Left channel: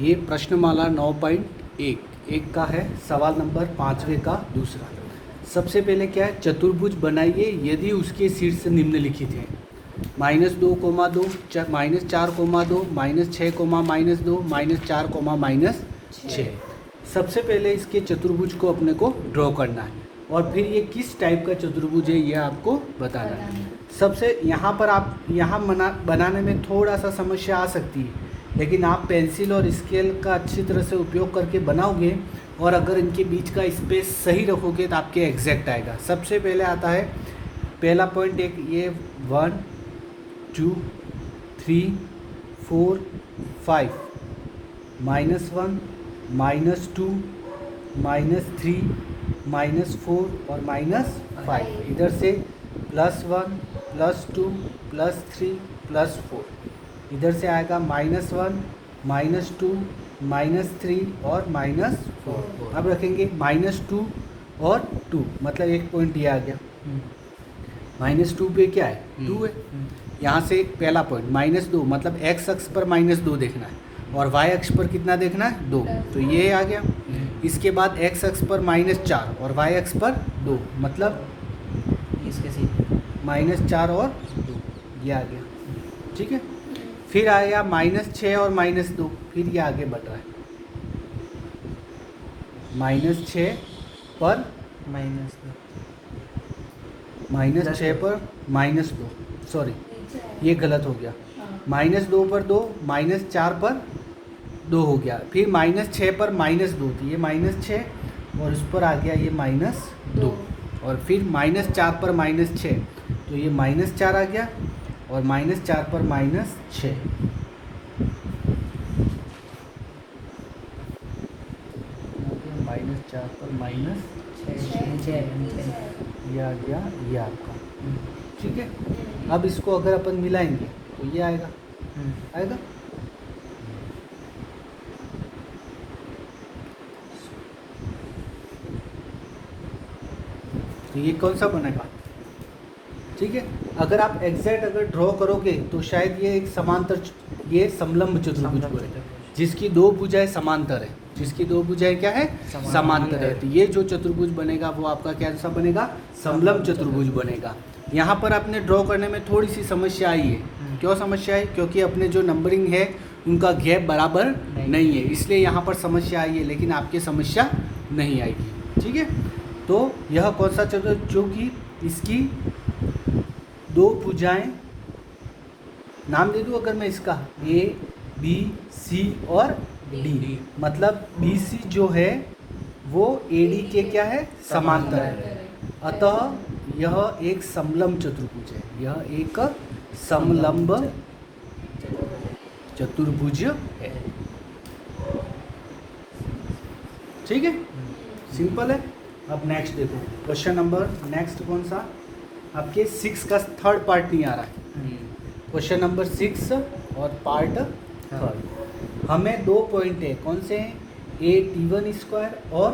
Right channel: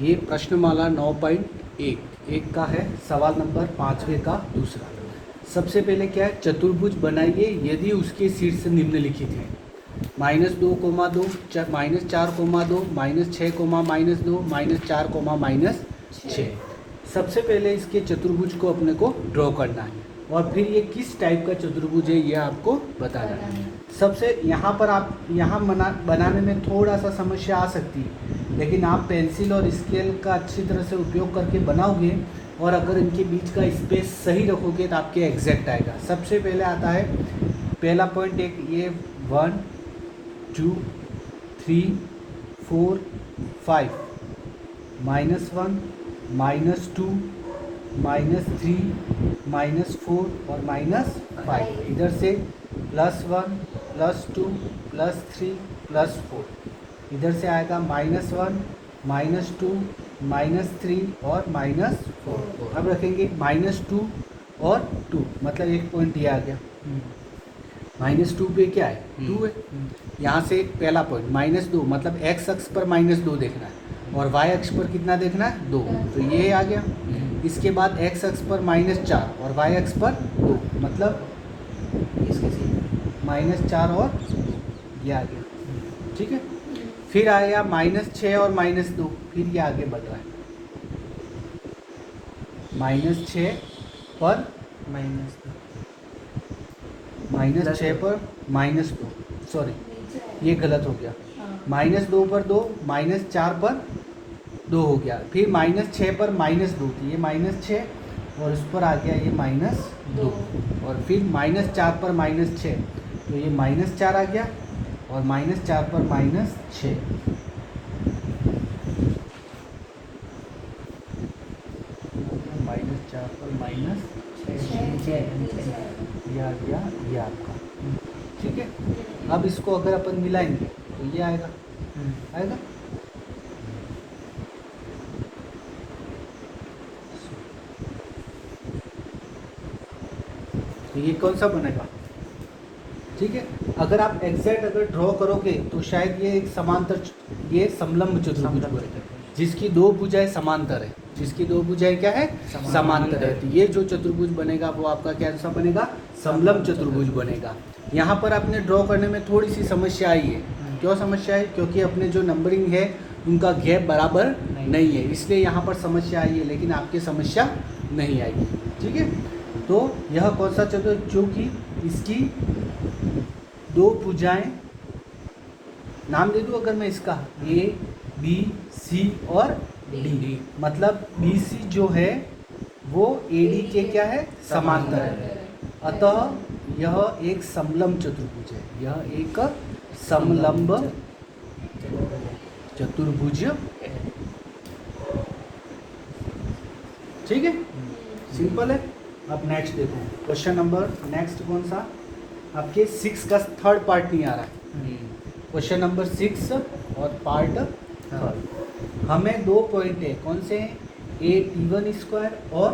ये प्रश्नमाला 9.1 एक का है, सवाल नंबर 5वें का दूसरा। सबसे पहले क्या है, चतुर्भुज बनाइए यदि उसके शीर्ष निम्नलिखित हैं -2, -2, -4, -2, -6, -2, -4, -6। सबसे पहले इसके चतुर्भुज को अपने को ड्रॉ करना है और फिर ये किस टाइप का चतुर्भुज है ये आपको बताना है। सबसे यहाँ पर आप बनाने में थोड़ा सा समस्या आ सकती है, लेकिन आप पेंसिल और स्केल का अच्छी तरह से उपयोग करके बनाओगे और अगर इनके बीच का स्पेस सही रखोगे तो आपके एग्जैक्ट आएगा। सबसे पहले आता है पहला पॉइंट, एक ये 1 2 3 4 5 -1 -2 -3 -4 और -5। इधर से +1 +2 +3 +4। इधर से आएगा -1 -2 -3 और -4। अब रखेंगे -2 और 2, मतलब एक पॉइंट ये आ गया। -2 पे क्या है, 2 है। यहाँ से पहला पॉइंट -2, मतलब x अक्ष पर -2 देखना है और y अक्ष पर कितना देखना है, 2, तो ये आ गया। इसके बाद x अक्ष पर -4 और y अक्ष पर 2, मतलब -4 और 2, ये आ गया। ठीक है, फिर आया -6 और -2, फिर ये आगे बढ़ रहा है। -6 पर -6 पर -2, सॉरी ये गलत हो गया। -2 पर 2, -4 पर 2 हो गया। फिर -6 पर -2, तो ये -6 और उस पर आ गया ये -2, और फिर -4 पर -6, तो ये -4 आ गया और -4 पर -6। -4 पर -6 ये आ गया, ये आपका। ठीक है, अब इसको अगर अपन मिलाएंगे तो ये आएगा, आएगा। तो ये कौन सा बनेगा, ठीक है। अगर आप एग्जैक्ट अगर ड्रॉ करोगे तो शायद ये एक समांतर, ये समलंब चतुर्भुज बनेगा जिसकी दो भुजाएं समांतर है, जिसकी दो भुजाएं क्या है, समांतर है। तो ये जो चतुर्भुज बनेगा वो आपका कैसा बनेगा, समलंब चतुर्भुज बनेगा। यहाँ पर आपने ड्रॉ करने में थोड़ी सी समस्या आई है। क्यों समस्या है, क्योंकि अपने जो नंबरिंग है उनका गैप बराबर नहीं है, इसलिए यहाँ पर समस्या आई है, लेकिन आपकी समस्या नहीं आएगी। ठीक है, तो यह कौन सा चतुर्भुज, जो कि इसकी दो भुजाएं, नाम दे दूं अगर मैं इसका, A B C और D, मतलब BC जो है वो AD के क्या है, समांतर है। अतः यह एक समलंब चतुर्भुज है, यह एक समलंब चतुर्भुज है। ठीक है, सिंपल है। अब नेक्स्ट देखो, क्वेश्चन नंबर नेक्स्ट कौन सा, आपके 6 का थर्ड पार्ट नहीं आ रहा है। क्वेश्चन नंबर 6 और पार्ट थर्ड। हमें दो पॉइंट है, कौन से हैं, a_t1² और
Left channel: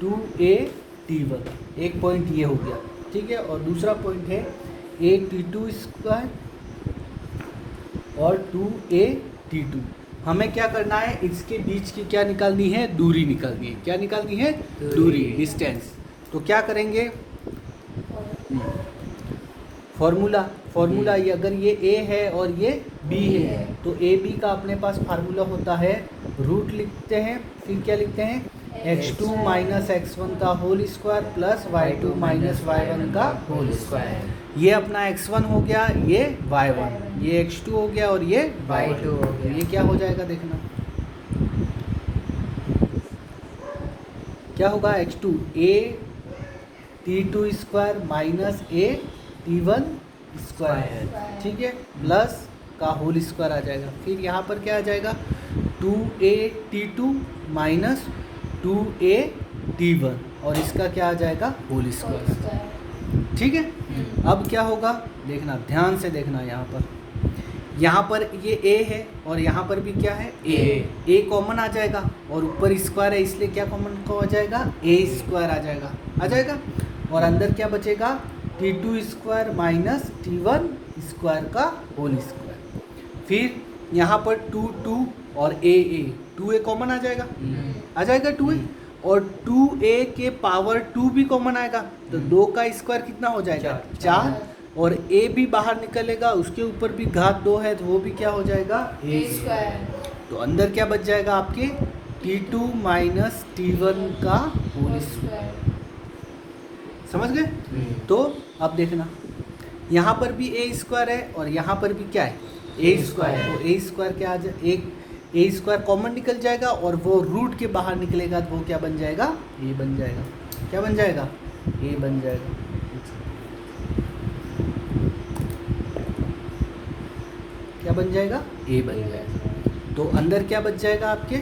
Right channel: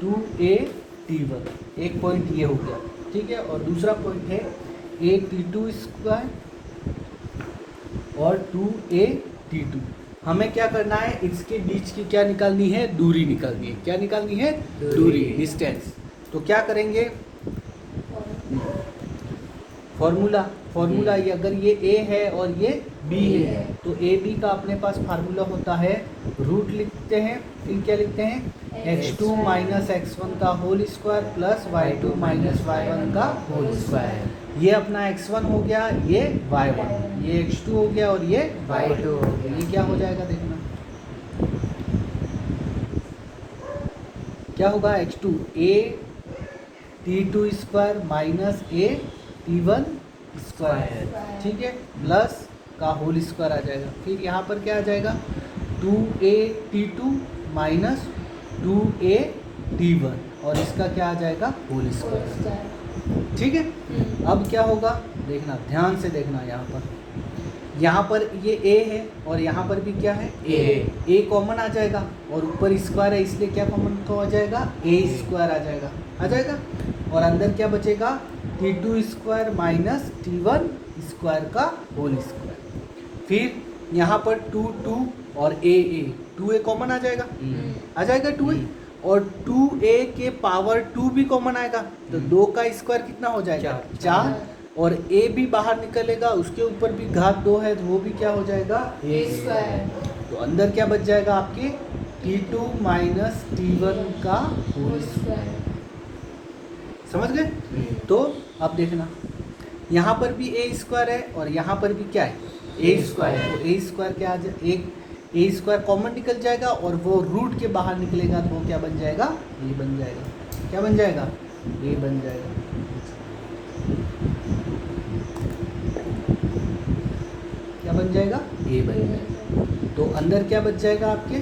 2a_t1। एक पॉइंट ये हो गया, ठीक है, और दूसरा पॉइंट है a_t2² और 2a_t2। हमें क्या करना है, इसके बीच की क्या निकालनी है, दूरी निकालनी है। क्या निकालनी है, दूरी, डिस्टेंस। तो क्या करेंगे, फॉर्मूला ये, अगर ये a है और ये b है तो a b का अपने पास फार्मूला होता है, रूट लिखते हैं, फिर क्या लिखते हैं, x2 - x1 का whole square plus y2 - y1 का होल स्क्वायर। ये अपना x1 हो गया, ये y1, ये x2 हो गया और ये y2 हो गया। ये क्या हो जाएगा, देखना क्या होगा, x2 a_t2² माइनस a_t1², ठीक है, प्लस का होल स्क्वायर आ जाएगा। फिर यहाँ पर क्या आ जाएगा, 2a_t2 माइनस 2a_t1 और इसका क्या आ जाएगा, होल स्क्वायर। ठीक है, अब क्या होगा, देखना ध्यान से देखना, यहाँ पर ये a है और यहाँ पर भी क्या है, a कॉमन आ जाएगा और ऊपर स्क्वायर है, इसलिए क्या कॉमन को आ जाएगा, a² आ जाएगा और अंदर क्या बचेगा, t2² माइनस t1² का होल स्क्वायर। फिर यहाँ पर 2 2 और a 2a कॉमन आ जाएगा, आ जाएगा 2a, और 2a के पावर 2 भी कॉमन आएगा, तो 2 का स्क्वायर कितना हो जाएगा 4, और a भी बाहर निकलेगा, उसके ऊपर भी घात 2 है तो वो भी क्या हो जाएगा a स्क्वायर। तो अंदर क्या बच जाएगा आपके T2 माइनस T1 का होल स्क्वायर। समझ गए? तो अब देखना यहाँ पर भी a स्क्वायर है और यहाँ पर भी क्या है a स्क्वायर है, तो a स्क्वायर क्या आ जाए, एक a स्क्वायर कॉमन निकल जाएगा और वो रूट के बाहर निकलेगा तो वो क्या बन जाएगा a बन जाएगा, क्या बन जाएगा a बन जाएगा। क्या बन जाएगा a बन जाएगा। तो अंदर क्या बच जाएगा आपके,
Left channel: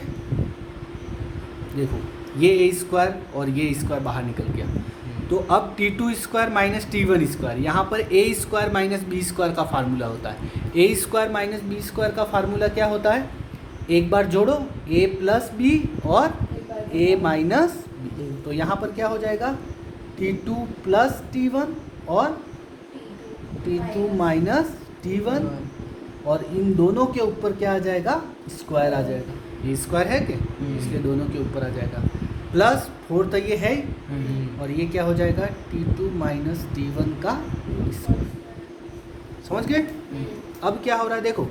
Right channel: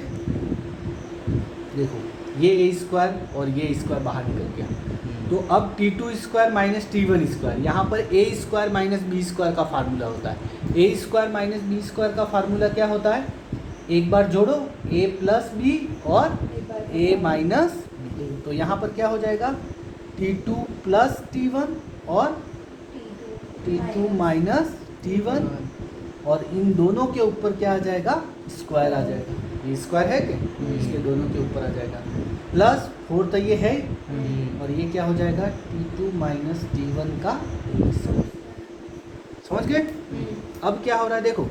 देखो ये a स्क्वायर और ये स्क्वायर बाहर निकल गया, तो अब T2 square minus T1 square, यहाँ पर a square minus b square का फार्मूला होता है। a square minus b square का फार्मूला क्या होता है, एक बार जोड़ो a प्लस बी और a माइनस बी, तो यहाँ पर क्या हो जाएगा T2 प्लस T1 और T2 माइनस T1, और इन दोनों के ऊपर क्या आ जाएगा स्क्वायर आ जाएगा, ये स्क्वायर है क्या, इसलिए दोनों के ऊपर आ जाएगा, प्लस 4 तो ये है, और ये क्या हो जाएगा T2 माइनस T1 का स्क्वायर। समझ गए? अब क्या हो रहा है देखो,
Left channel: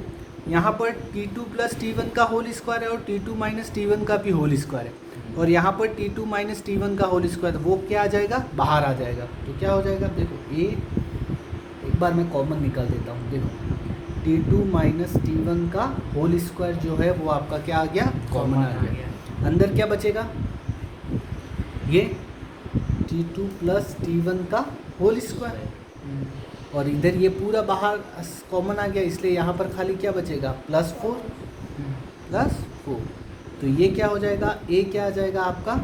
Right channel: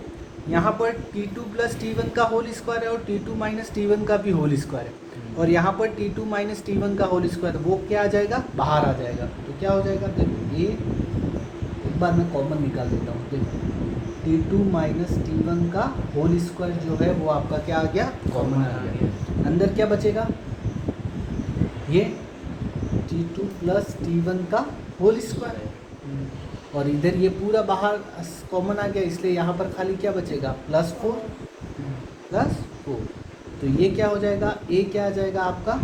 यहाँ पर T2 प्लस T1 का होल स्क्वायर है और T2 माइनस T1 का भी होल स्क्वायर है, और यहाँ पर T2 माइनस T1 का होल स्क्वायर, वो क्या आ जाएगा बाहर आ जाएगा, तो क्या हो जाएगा देखो, ये एक बार मैं कॉमन निकाल देता हूँ, देखो T2 माइनस T1 का होल स्क्वायर जो है वो आपका क्या आ गया कॉमन आ गया, अंदर क्या बचेगा ये T2 प्लस T1 का होल स्क्वायर, और इधर ये पूरा बाहर कॉमन आ गया, इसलिए यहाँ पर खाली क्या बचेगा प्लस 4, तो ये क्या हो जाएगा a क्या आ जाएगा आपका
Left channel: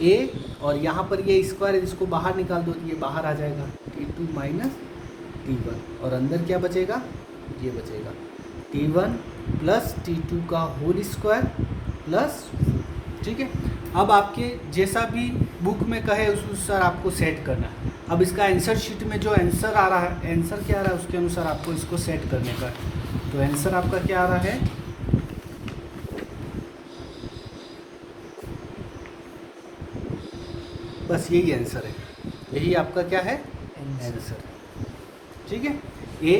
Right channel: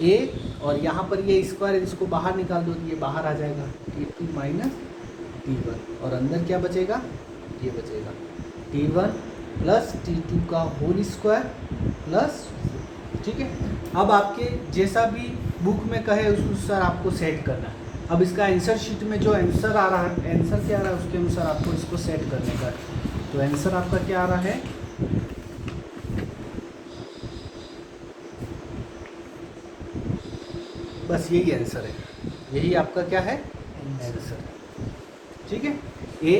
a, और यहाँ पर ये स्क्वायर है इसको बाहर निकाल दो तो ये बाहर आ जाएगा T2 माइनस T1, और अंदर क्या बचेगा ये बचेगा T1 प्लस T2 का होल स्क्वायर प्लस, ठीक है। अब आपके जैसा भी बुक में कहे उस अनुसार आपको सेट करना है। अब इसका आंसर शीट में जो आंसर आ रहा है, आंसर क्या आ रहा है उसके अनुसार आपको इसको सेट करने का, तो आंसर आपका क्या आ रहा है बस यही आंसर है, यही आपका क्या है आंसर, ठीक है। a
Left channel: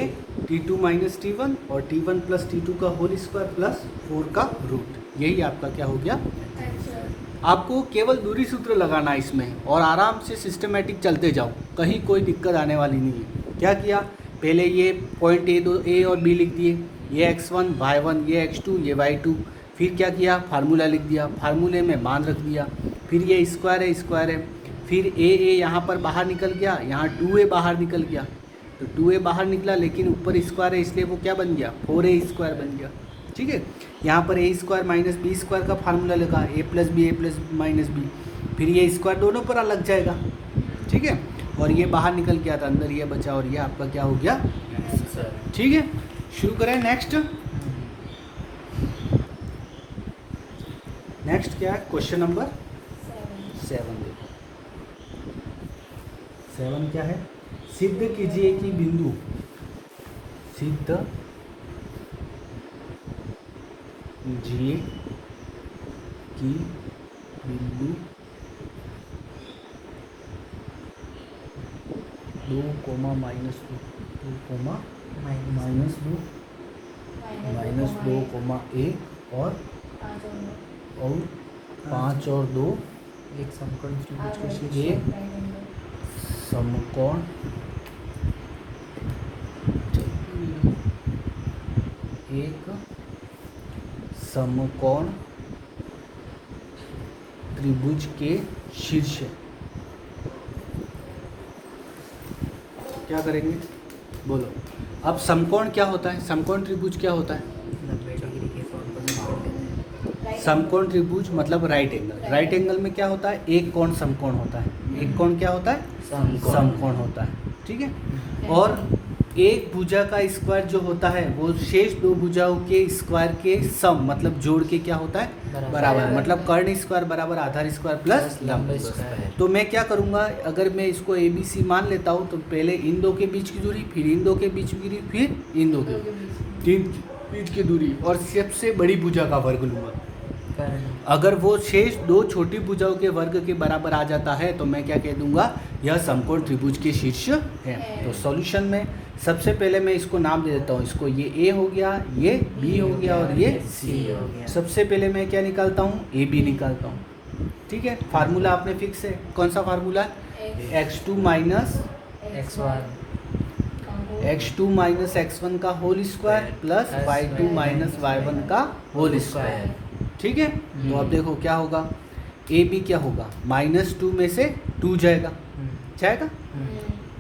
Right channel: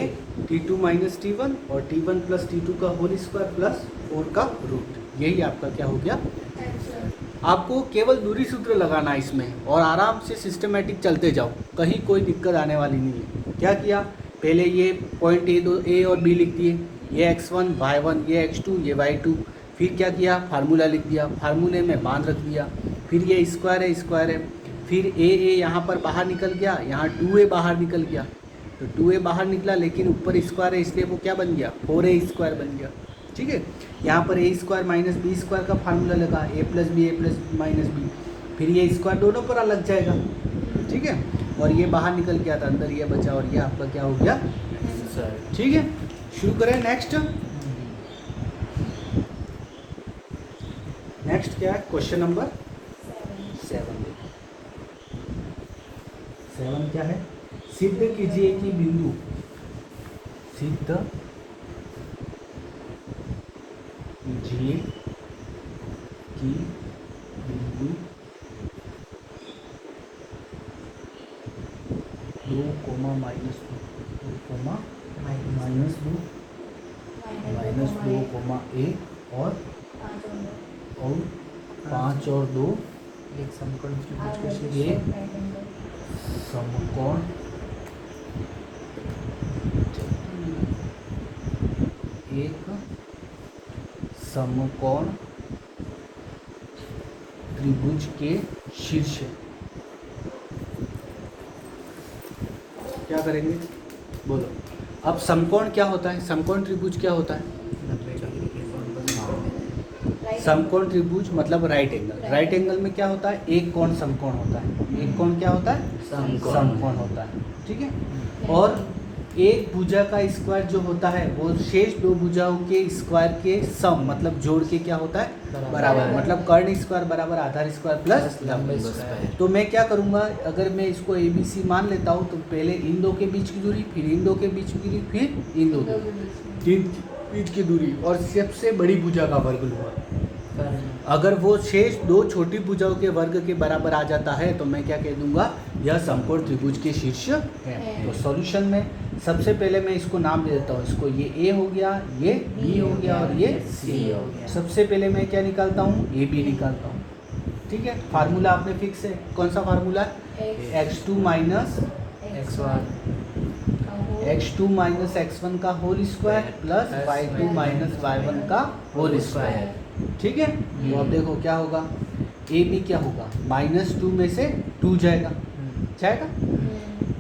T2 माइनस T1 और T1 प्लस T2 का होल स्क्वायर प्लस 4 का रूट, यही आपका क्या हो गया। आपको केवल दूरी सूत्र लगाना है इसमें और आराम से सिस्टमेटिक चलते जाओ, कहीं कोई दिक्कत आने वाली नहीं है। क्या किया, पहले ये पॉइंट a और b लिख दिए, ये x1 y1 ये x2 ये y2, फिर क्या किया फार्मूला लिख दिया, फार्मूले में मान रख दिया, फिर ये स्क्वायर है, फिर a यहाँ पर बाहर निकल गया, यहाँ 2a बाहर निकल गया, तो 2a बाहर निकला लेकिन ऊपर स्क्वायर है इसलिए वो क्या बन गया 4a स्क्वायर बन गया, ठीक है। यहाँ पर a square minus b square का फार्मूला लगा, a प्लस माइनस बी, फिर ये स्क्वायर दोनों पर लग जाएगा, ठीक है, और ये बाहर निकल गया था, अंदर ये बचा और ये आपका क्या हो गया, ठीक है। शुरू करें नेक्स्ट क्या है, क्वेश्चन नंबर 7 क्या है, सिद्ध कीजिए कि बिंदु दो कोमा माइनस दो कोमा a और 5 और 2 एक समकोण त्रिभुज के शीर्ष, क्या करेंगे बोलो। अब समकोण क्या होता है, समकोण त्रिभुज क्या होता है, समकोण त्रिभुज मतलब राइट एंगल, राइट एंगल में क्या होता है एक कोण समकोण होता है, एक कोण क्या होता है समकोण होता है, ठीक है। और एक भुजा का स्क्वायर जो होता है वो शेष दो भुजाओं के स्क्वायर के सम मतलब जोड़ के क्या होता है बराबर, मतलब कर्ण स्क्वायर बराबर आधार स्क्वायर प्लस लंब स्क्वायर। तो मैं क्या करूँगा, अगर मैं इसको ABC मान लेता हूँ तो पहले इन दो के बीच की दूरी, फिर इन दो के बीच की दूरी, फिर इन दो के, इंच की दूरी और सबसे बड़ी भुजा का वर्ग लूँगा। अगर वो शेष दो छोटी भुजाओं के वर्ग के बराबर आ जाता है तो मैं क्या कह दूंगा, यह समकोण त्रिभुज के शीर्ष है। तो सॉल्यूशन में सबसे पहले मैं इसको नाम दे देता हूँ, इसको ये ए हो गया, ये बी हो गया और ये सी हो गया। सबसे पहले मैं क्या निकालता हूँ, ए बी निकालता हूँ। ठीक है, फार्मूला आपने फिक्स है, कौन सा formula, x2 minus x2 minus x1 का whole square plus y2 minus y1 का होल स्क्वायर। ठीक है, तो अब देखो क्या होगा, ए बी क्या होगा, -2 में से 2 जाएगा,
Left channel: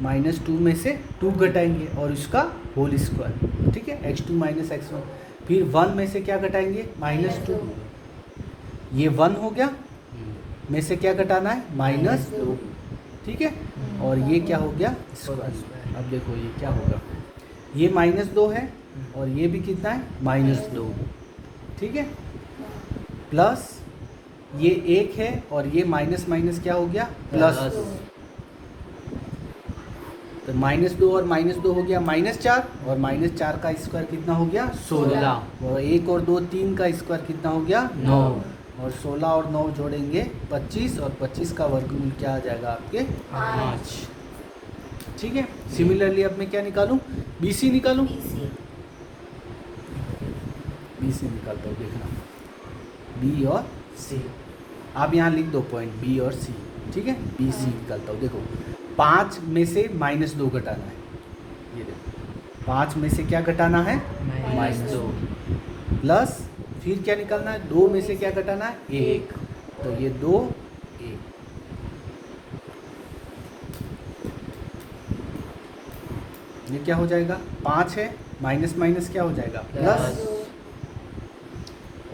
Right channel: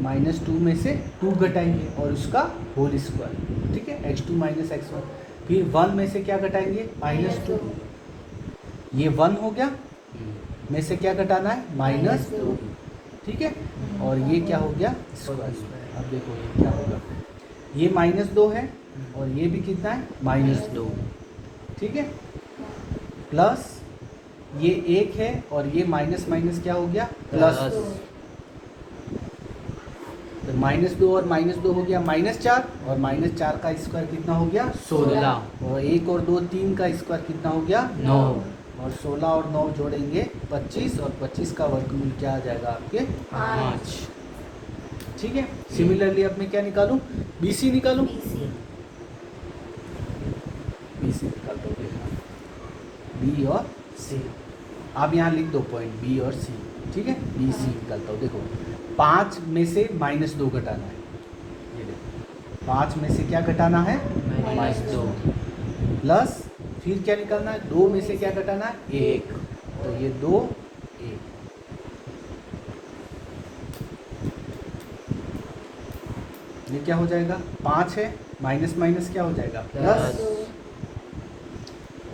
-2 में से 2 घटाएंगे और इसका होल स्क्वायर। ठीक है, x2 माइनस x1, फिर 1 में से क्या घटाएंगे, -2, ये 1 हो गया, में से क्या घटाना है, -2। ठीक है, और ये क्या हो गया, स्क्वायर। अब देखो ये क्या होगा, ये -2 है और ये भी कितना है, -2। ठीक है, प्लस ये 1 है और ये माइनस माइनस क्या हो गया, प्लस। तो -2 और -2 हो गया -4 और -4 का स्क्वायर कितना हो गया, 16। और 1 और 2 3 का स्क्वायर कितना हो गया, 9। और 16 और 9 जोड़ेंगे 25 और 25 का वर्गमूल क्या आ जाएगा आपके, 5। ठीक है, सिमिलरली अब मैं क्या निकालूं, BC निकालूं, BC निकालता हूँ, देखना B और C, आप यहाँ लिख दो पॉइंट B और C। ठीक है, BC निकालता हूँ, देखो 5 में से -2 घटाना है, ये देखो 5 में से क्या घटाना है, -2, प्लस फिर क्या निकालना है, 2 में से क्या घटाना है, 1, तो ये 2 1, ये क्या हो जाएगा, 5 है, माइनस माइनस क्या हो जाएगा, प्लस,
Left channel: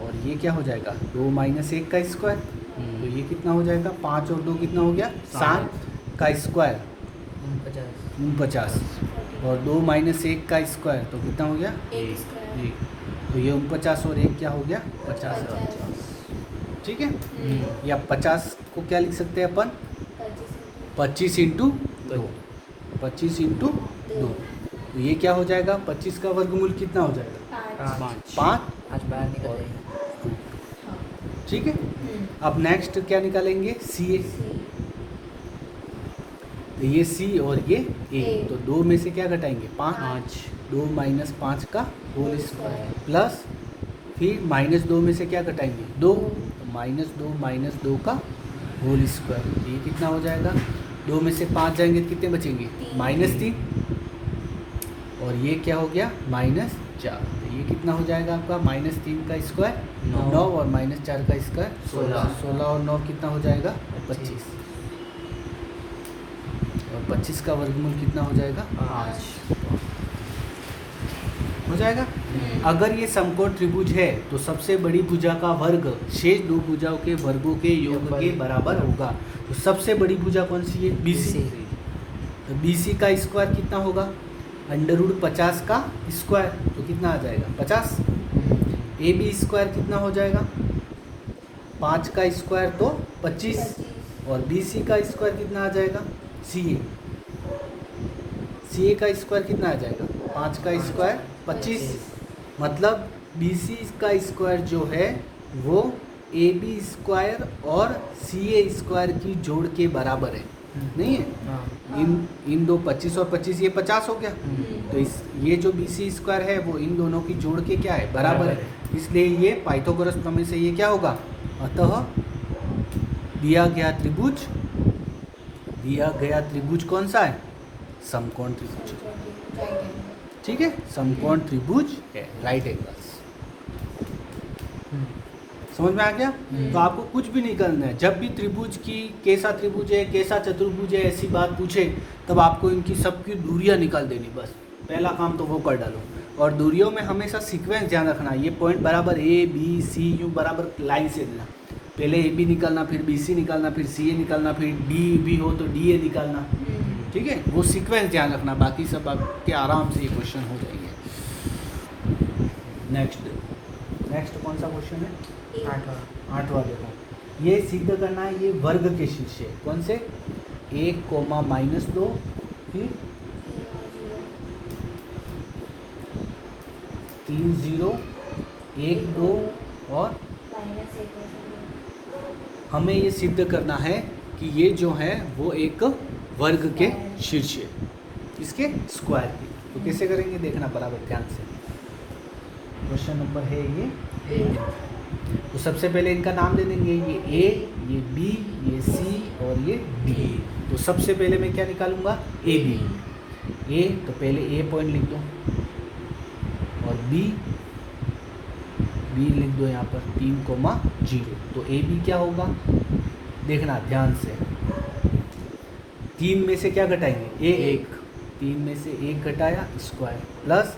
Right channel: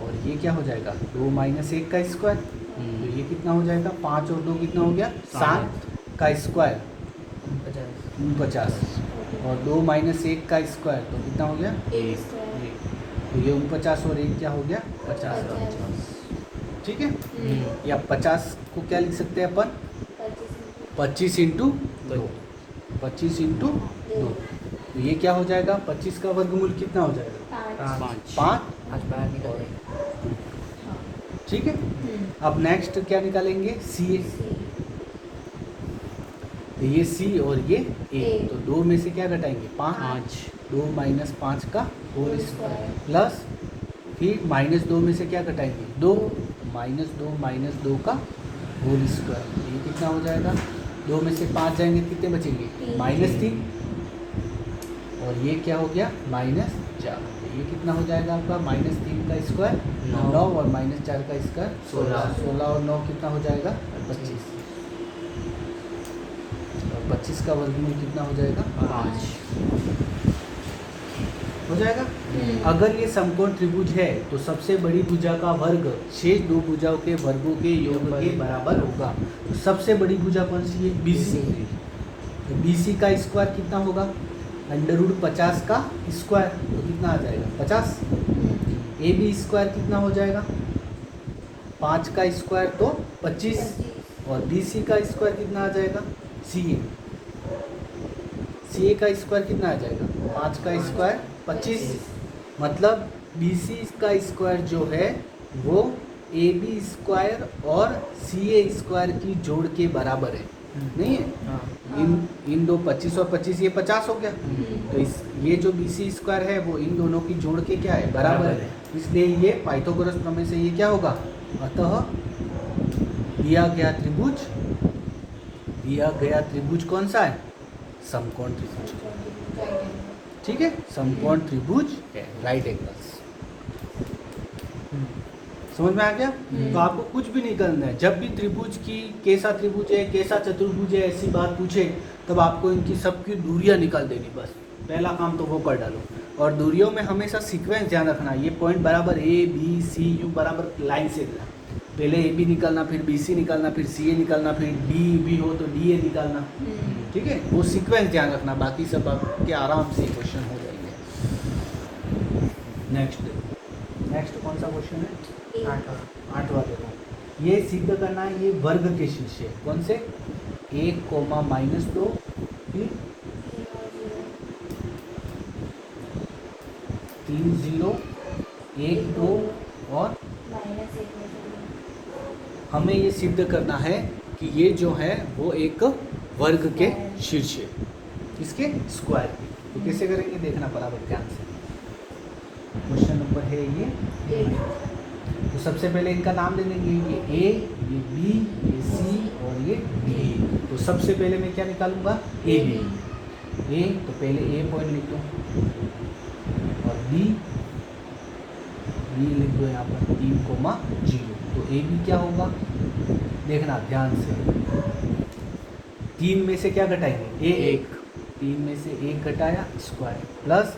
और ये क्या हो जाएगा, 2 - 1 का स्क्वायर, तो ये कितना हो जाएगा, 5 और 2 कितना हो गया, 7 का स्क्वायर 49, और 2 - 1 का स्क्वायर तो कितना हो गया, 1। तो ये 49 और 1 क्या हो गया, 50। ठीक है, या 50 को क्या लिख सकते हैं अपन, 25 × 2, 25 × 2, तो ये क्या हो जाएगा, 25 का वर्गमूल कितना हो जाएगा, 5। ठीक है, अब नेक्स्ट क्या निकालेंगे, CA, तो ये C और ये A, तो 2 में से क्या घटाएंगे, 5, 2 - 5 का होल स्क्वायर, प्लस फिर -2 में से क्या घटाएंगे, 2, -2 - 2 का होल स्क्वायर, तो ये कितना हो जाएगा, 2 में से 5 जाएंगे कितने बचेंगे, -3, और ये क्या हो गया, -4, तो ये कितना हो जाएगा आपका, -3 का स्क्वायर 9 और -4 का स्क्वायर 16 और 9 कितना हो जाएगा, 25, और 25 का वर्गमूल कितना हो जाएगा, 5 हो जाएगा। अगर ये समकोण त्रिभुज है तो सबसे बड़ी भुजा का वर्ग शेष दो भुजाओं के वर्गों के योग के बराबर होगा। तो सबसे बड़ी भुजा कौन सी है, BC। तो BC का स्क्वायर कितना होगा, √50 का स्क्वायर, तो कितना आ जाएगा, 50। AB स्क्वायर कितना हो जाएगा, 5 का स्क्वायर तो 25, और BC का स्क्वायर कितना आ जाएगा, CA का स्क्वायर कितना आ जाएगा, 5 का स्क्वायर 25, मतलब BC का स्क्वायर जो है वो AB स्क्वायर और CA स्क्वायर की जोड़ के बराबर है, नहीं है। इन दो 25 और 25 ये 50 हो गया, तो ये जो BC स्क्वायर है वो इन दोनों की जोड़ के क्या है, बराबर है, इसलिए ये पाइथागोरस प्रमेय से ये क्या होगा, अतः दिया गया त्रिभुज कौन सा है, समकोण त्रिभुज। ठीक है, समकोण त्रिभुज है, राइट एंगल्स। समझ में आ गया। तो आपको कुछ भी नहीं करना है, जब भी त्रिभुज की कैसा त्रिभुज है, कैसा चतुर्भुज है, ऐसी बात पूछे तब आपको इनकी सबकी दूरियां निकाल देनी, बस पहला काम तो वो कर डालो। और दूरियों में हमेशा सीक्वेंस ध्यान रखना है, ये पॉइंट बराबर ABCU बराबर लाइन से देना, पहले AB निकालना, फिर BC निकालना, फिर CA निकालना, फिर DB हो तो DA निकालना। ठीक है, वो सीक्वेंस ध्यान रखना, बाकी सब आपके आराम से क्वेश्चन हो जाएंगे। नेक्स्ट कौन सा क्वेश्चन है, 8वां देखो। ये सिद्ध करना है, ये वर्ग के शीर्ष है, कौन से, 1, -2, फिर 3 0 1 2 और हमें ये सिद्ध करना है कि ये जो है वो एक वर्ग के शीर्ष है, इसके स्क्वायर के। तो कैसे करेंगे देखना बराबर ध्यान से। क्वेश्चन नंबर है ये। तो सबसे पहले इनका नाम दे देंगे, ये ए, ये बी, ये सी और ये डी। तो सबसे पहले मैं क्या निकालूंगा, ए बी। ए तो पहले ए पॉइंट लिख दो और बी लिख दो यहाँ पर 3, 0। तो ए बी क्या होगा देखना ध्यान से। 3 में से क्या घटाएंगे, एक। 3 में से 1 घटाया स्क्वायर, प्लस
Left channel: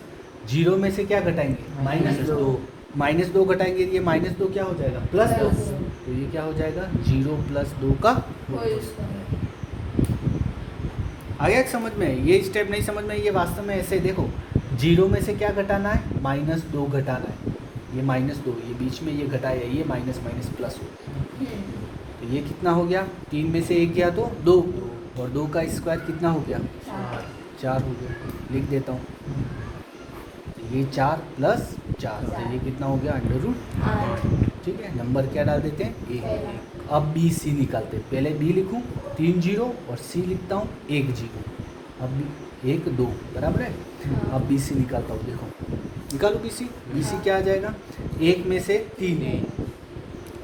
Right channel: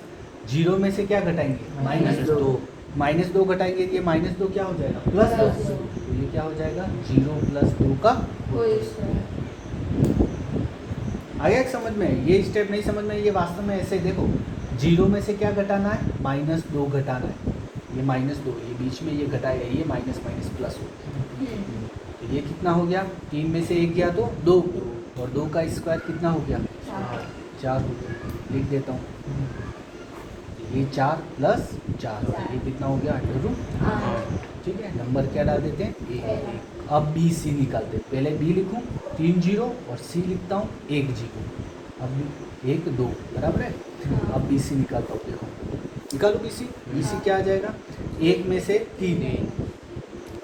0 में से क्या घटाएंगे, -2। -2 घटाएंगे, ये -2 क्या हो जाएगा, प्लस। तो ये क्या हो जाएगा, 0 + 2 का आया समझ में। ये स्टेप नहीं समझ में, ये वास्तव में ऐसे देखो, 0 में से क्या घटाना है, -2 घटाना है। ये -2, ये बीच में ये घटाया, ये माइनस प्लस हो गया। तो ये कितना हो गया, 3 में से 1 गया तो 2 और 2 का स्क्वायर कितना हो गया, 4 हो गया। लिख देता हूँ, ये 4 + 4, ये कितना हो गया, √8। ठीक है, नंबर क्या डाल देते हैं, 1। अब बी सी निकालते हैं। पहले बी लिखूँ 3 0 और सी लिखता हूँ 1 0। अब 1 2 बराबर है। अब बी सी निकालता हूँ, देखो निकालो बी सी क्या आ जाएगा, 1 में से 3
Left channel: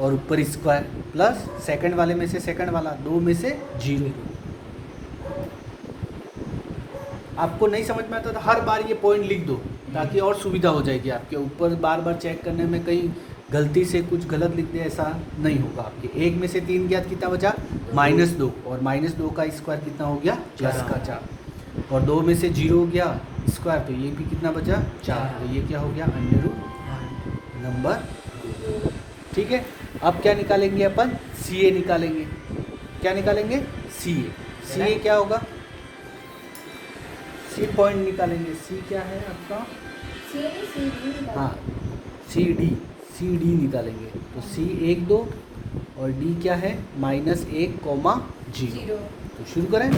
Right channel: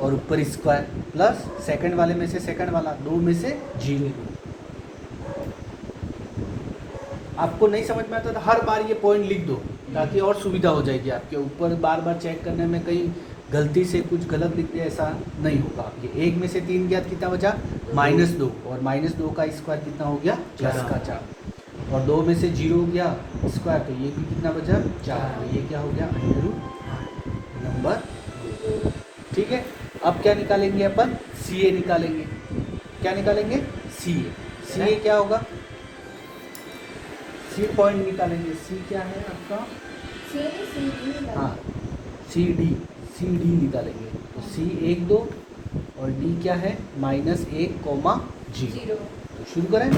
और ऊपर स्क्वायर, प्लस सेकंड वाले में से सेकंड वाला, 2 में से 0। आपको नहीं समझ में आता तो हर बार ये पॉइंट लिख दो ताकि और सुविधा हो जाएगी आपके ऊपर। बार बार चेक करने में कहीं गलती से कुछ गलत लिख दे, ऐसा नहीं होगा आपके। 1 में से 3 गया कितना बचा, -2 और -2 का स्क्वायर कितना हो गया, +4। और 2 में से 0 गया स्क्वायर, तो ये भी कितना बचा, 4। तो ये क्या हो गया, नंबर। ठीक है, अब क्या निकालेंगे अपन, सी ए निकालेंगे। क्या निकालेंगे, सी ए क्या होगा, सी पॉइंट निकालेंगे। सी क्या है आपका, हाँ सी डी निकालेंगे। तो सी 1 2 और डी क्या है, -1, 0। तो शुरू करें,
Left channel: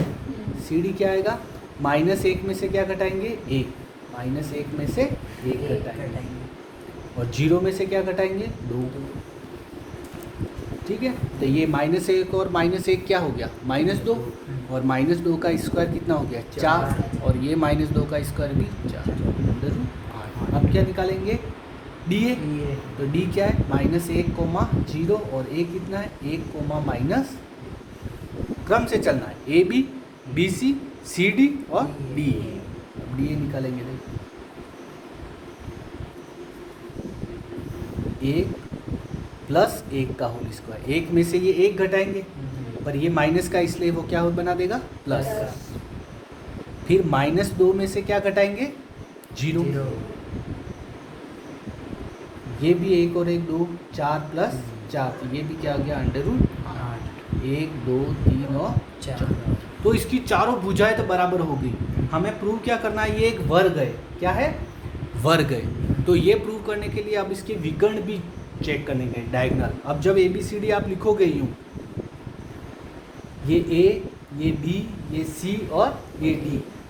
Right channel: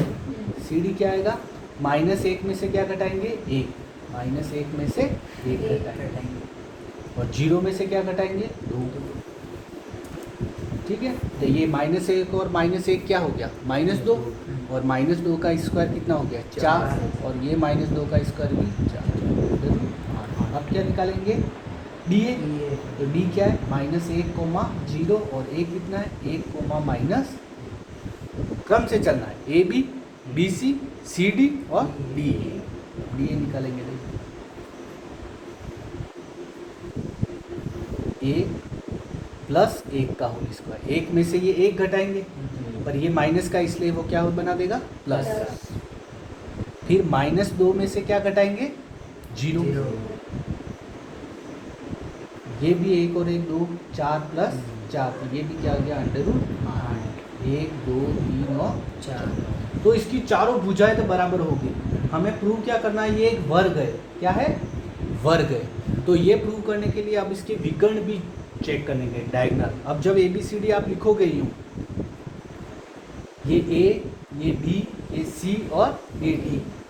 सी डी क्या आएगा, -1 में से क्या घटाएंगे, 1। -1 में से 1 घटाएंगे और 0 में से क्या घटाएंगे, 2। ठीक है, तो ये -1 और -1 क्या हो गया, -2 और -2 का स्क्वायर कितना हो गया, 4 और ये -2 का स्क्वायर भी 4। अब क्या निकालेंगे, डी ए। तो डी क्या है, -1, 0 और ए कितना है, 1, क्रम से चलना है, A B, B C, C D और डी ए निकालेंगे। देखो 1 + 1 का होल स्क्वायर, 1 में से ये 1 घटाएंगे पर ये माइनस का, इसलिए वो क्या बना देगा, प्लस। फिर -2 में से क्या घटाएंगे, 0। ये भी 1 और 1 2, 4 + 4, तो ये भी क्या आ गया, √8। 1 2 3 और 4। तो इसकी चारों भुजाएं तो बराबर होगी। हमें प्रूव क्या करना है, ये एक वर्ग है। क्या है, वर्ग है। तो ये प्रूव करने के लिए अब इसके विकर्ण भी चेक करेंगे, डायगोनल। अब जब ABCD आप लिखोगे यूँ, ये A, ये B, ये C और ये D,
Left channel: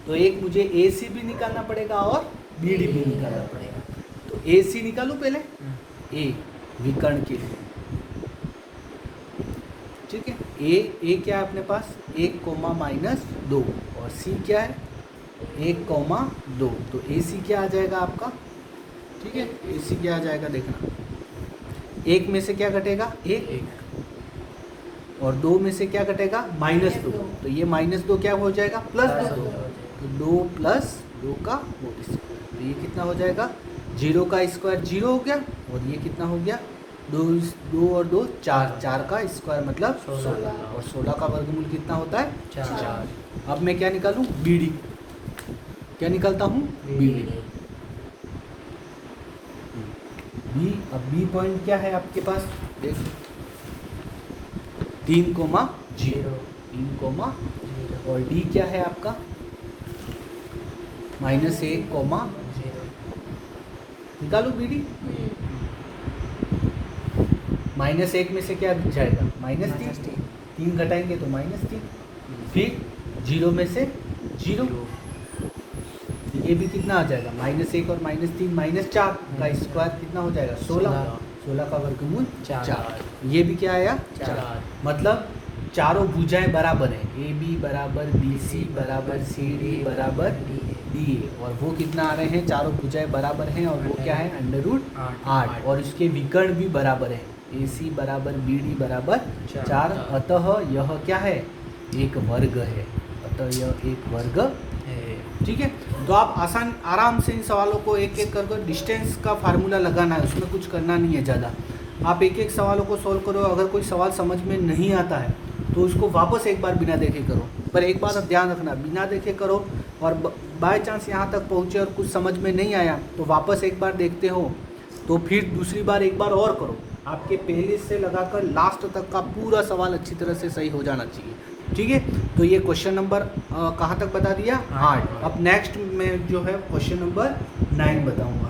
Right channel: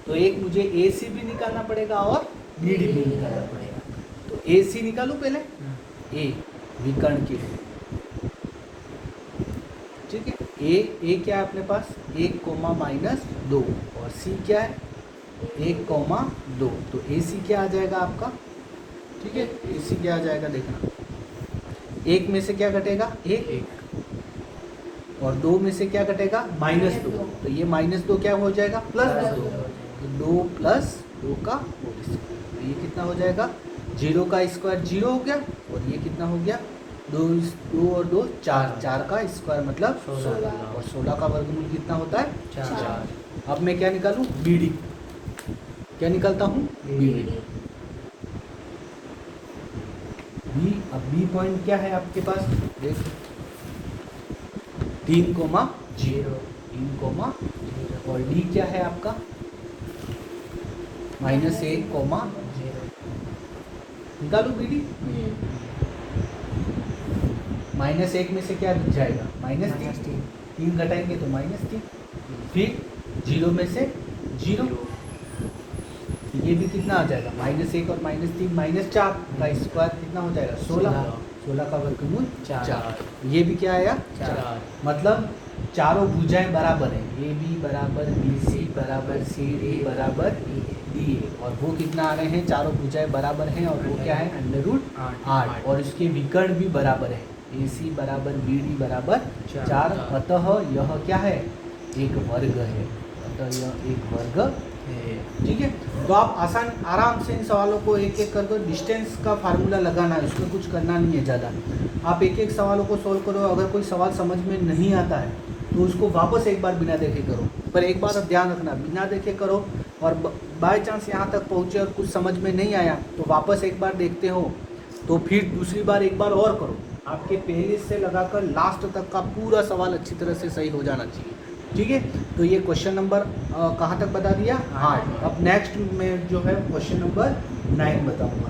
तो एक मुझे AC भी निकालना पड़ेगा और BD भी निकालना पड़ेगा। तो AC निकालो पहले, A विकर्ण के लिए। ठीक है, A क्या है अपने पास, 1, -2 और C क्या है, 1, 2। तो AC क्या आ जाएगा आपका, ठीक है, AC क्या आ जाएगा देखना, 1 में से क्या घटेगा, 1 और 2 में से क्या घटेगा, -2। तो ये -2 क्या हो जाएगा, +2। तो 2 + 2 का होल स्क्वायर, तो ये कितना हो जाएगा, 0 का स्क्वायर 0 हो गया और ये कितना हो गया, 2 और 2 4, 4 का स्क्वायर मतलब 16 और 16 का वर्गमूल कितना होता है, 4। अब मैं क्या निकालूं, BD। क्या निकालता हूँ, BD। अब बी पॉइंट क्या है आपके पास, देखो 3, 0 और डी क्या है आपका, -1, 0। निकालो BD। -1 में से क्या जाएगा, -3। 3 घटाएंगे तो -3। फिर 0 में से 0, ये भी कितना आ जाएगा -1 और -3 -4 का स्क्वायर कितना हो जाएगा 16, 16 का वर्गमूल 4। ये भी क्या आया 4। मतलब चारों भुजाएं बराबर है, ए बी बराबर बी सी बराबर सी डी बराबर डी ए, और वो कितना आ रहे हैं, चारों भुजाएं बराबर हैं और वो क्या है √8, और इसके विकर्ण भी बराबर है, ए सी बराबर बी डी बराबर 4। अतः यह क्या है, एक वर्ग है, अतः यह एक वर्ग है। ठीक है, तो आप आराम से इन सवालों को एक एक कर डिस्टेंस का फार्मूला लगाना है, उसमें कुछ करना नहीं है ज़्यादा। आप एक एक सवालों को सॉल्व करो, अगर कोई सवाल समझ में नहीं आता है तो उसको वापस एक बार बिना देखे करो, पर एक बात ध्यान रखना, बिना देखे करो, और बाय चांस यहाँ तक पहुँचे और कुछ समझ में नहीं आया तो वापस एक बार देखते हो तो फिर दूसरी बार एक बार और करो। आपके पहले से लगाकर लास्ट तक का पूरा सवाल अच्छी तरह से सही हो जाना चाहिए। ठीक है, तो ये क्वेश्चन नंबर कहाँ तक बता दिया 8। अब नेक्स्ट में जो है क्वेश्चन नंबर 9 बताऊँगा।